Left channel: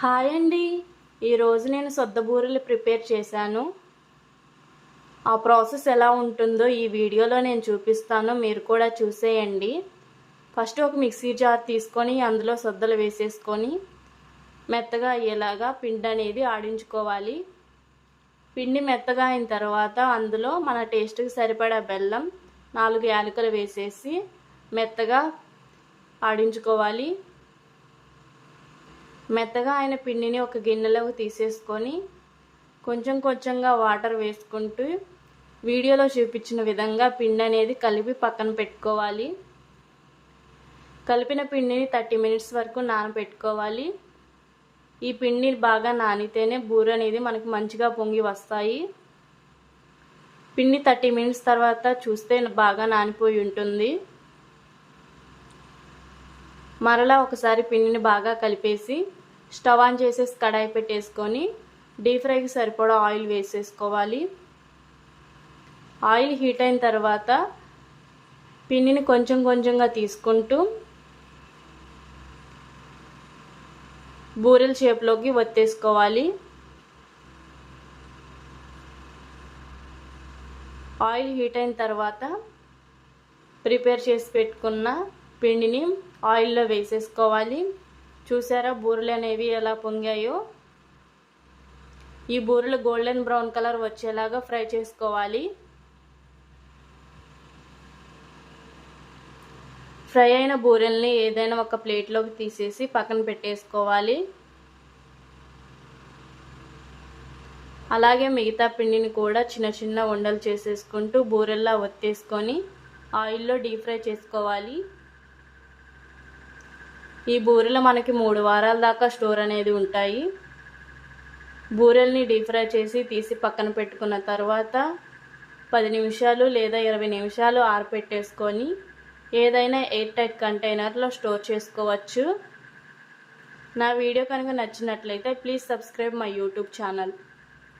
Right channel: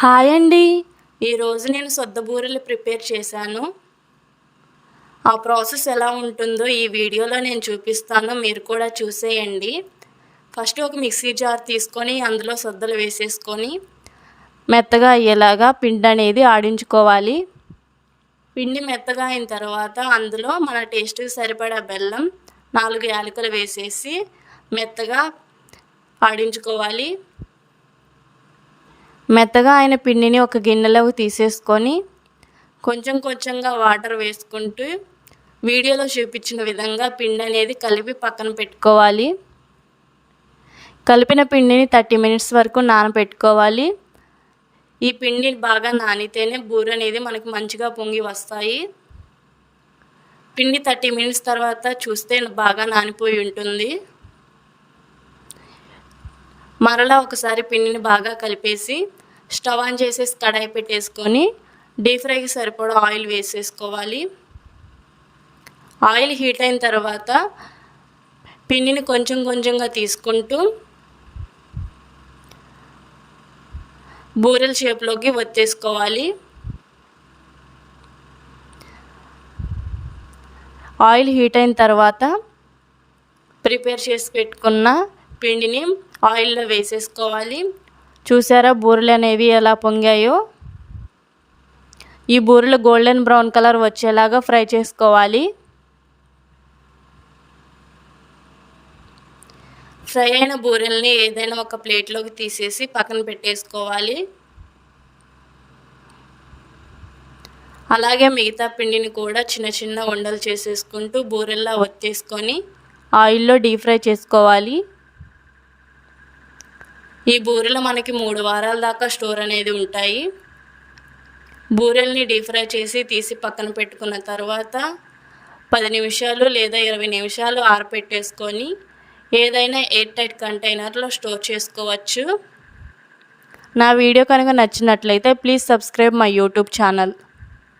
Hi అండి. ఈరోజు నేను సొద్ద బూరెలు ప్రిపేర్ చేశాను. ఆ ప్రాసెస్ ఎలా ఉంటుందో ఈ వీడియోలో నేను చూపిస్తాను. మీరు కూడా చూసేయండి. ఫస్ట్ ఒక మిక్సీ జార్ తీసుకొని అందులో సొద్దలు వేసేసుకొని మెత్తగా అయ్యేలాగా పిండి అనేది ఆడించుకోవాలి. పిండి మెత్తగా అయిన తర్వాత అందులో మన టేస్ట్కి సరిపడా బెల్లం నాలుగు యాలకులు వేసేసి మెత్తగా ఆడించుకోవాలి. మెత్తగా అయిన పిండిని ఒక గిన్నెలోకి తీసేసుకొని కొంచెం కొంచెంగా వాటర్ వేసుకుంటూ వీడియోలో చూపించిన విధంగా పిండి అనేది కలిపి పక్కన పెట్టుకోవాలి. కలిపిన పిండిని థర్టీ మినిట్స్ వరకు నానబెట్టుకోవాలి. ఈ పిండి బాగా నానితేనే బూర అనేది మనకి మంచిగా పొంగి వస్తాయి. పిండి థర్టీ మినిట్స్ తర్వాత చూస్తే బాగా నానిపోయి ఉంటుంది. మరలా ఒకసారి పిండిని బాగా కలిపేసి స్టవ్ ఆన్ చేసేసి కడాయి పెట్టేసుకొని డీప్ ఫ్రైకి సరిపడా ఆయిల్ వేసేసుకోవాలి. ఆయిల్ హీట్ అయిన తర్వాత పిండిని కొంచెం కొంచెంగా తీసుకుంటూ బూరెల షేప్లోకి వత్తేసుకోవాలి. ఆయిల్ హీట్ అయిన తర్వాత ప్రిపేర్ చేసి పెట్టుకున్న పిండిని ఆయిల్లో వేసేసుకోవాలి. చూసారా బూరెలు అనేవి ఎలా పొంగాయో? ఈ బూరెలు గోల్డెన్ బ్రౌన్ కలర్ వచ్చేలాగా ఫ్రై చేసుకోవాలి. ఫ్రై అయిన బూరెల్ని ఏదైనా ఒక ప్లేట్లోకి తీసేసి పక్కన పెట్టేసుకోవాలి. అలాగే మిగతా పిండిని కూడా చిన్న చిన్న ఉండలు చేసేసుకుంటూ బూరెల్లా ఒత్తేసుకొని ఆయిల్లో డీప్ ఫ్రై చేసుకోవాలి. ఈ బూరెలు మనకి మూడు వారాల దాకా స్టోర్ అనేది ఉంటాయి. బూరెల్ని డీప్ ఫ్రై చేసి తీసి పక్కన పెట్టుకున్న తర్వాత పది నిమిషాలు లేదా ఇరవై నిమిషాలు ఆరపెట్టేసుకొని ఏదైనా ఎయిర్ టైట్ కంటైనర్లో స్టోర్ చేసుకోవచ్చు. నా వీడియో కనుక నచ్చినట్లయితే please subscribe my YouTube channel.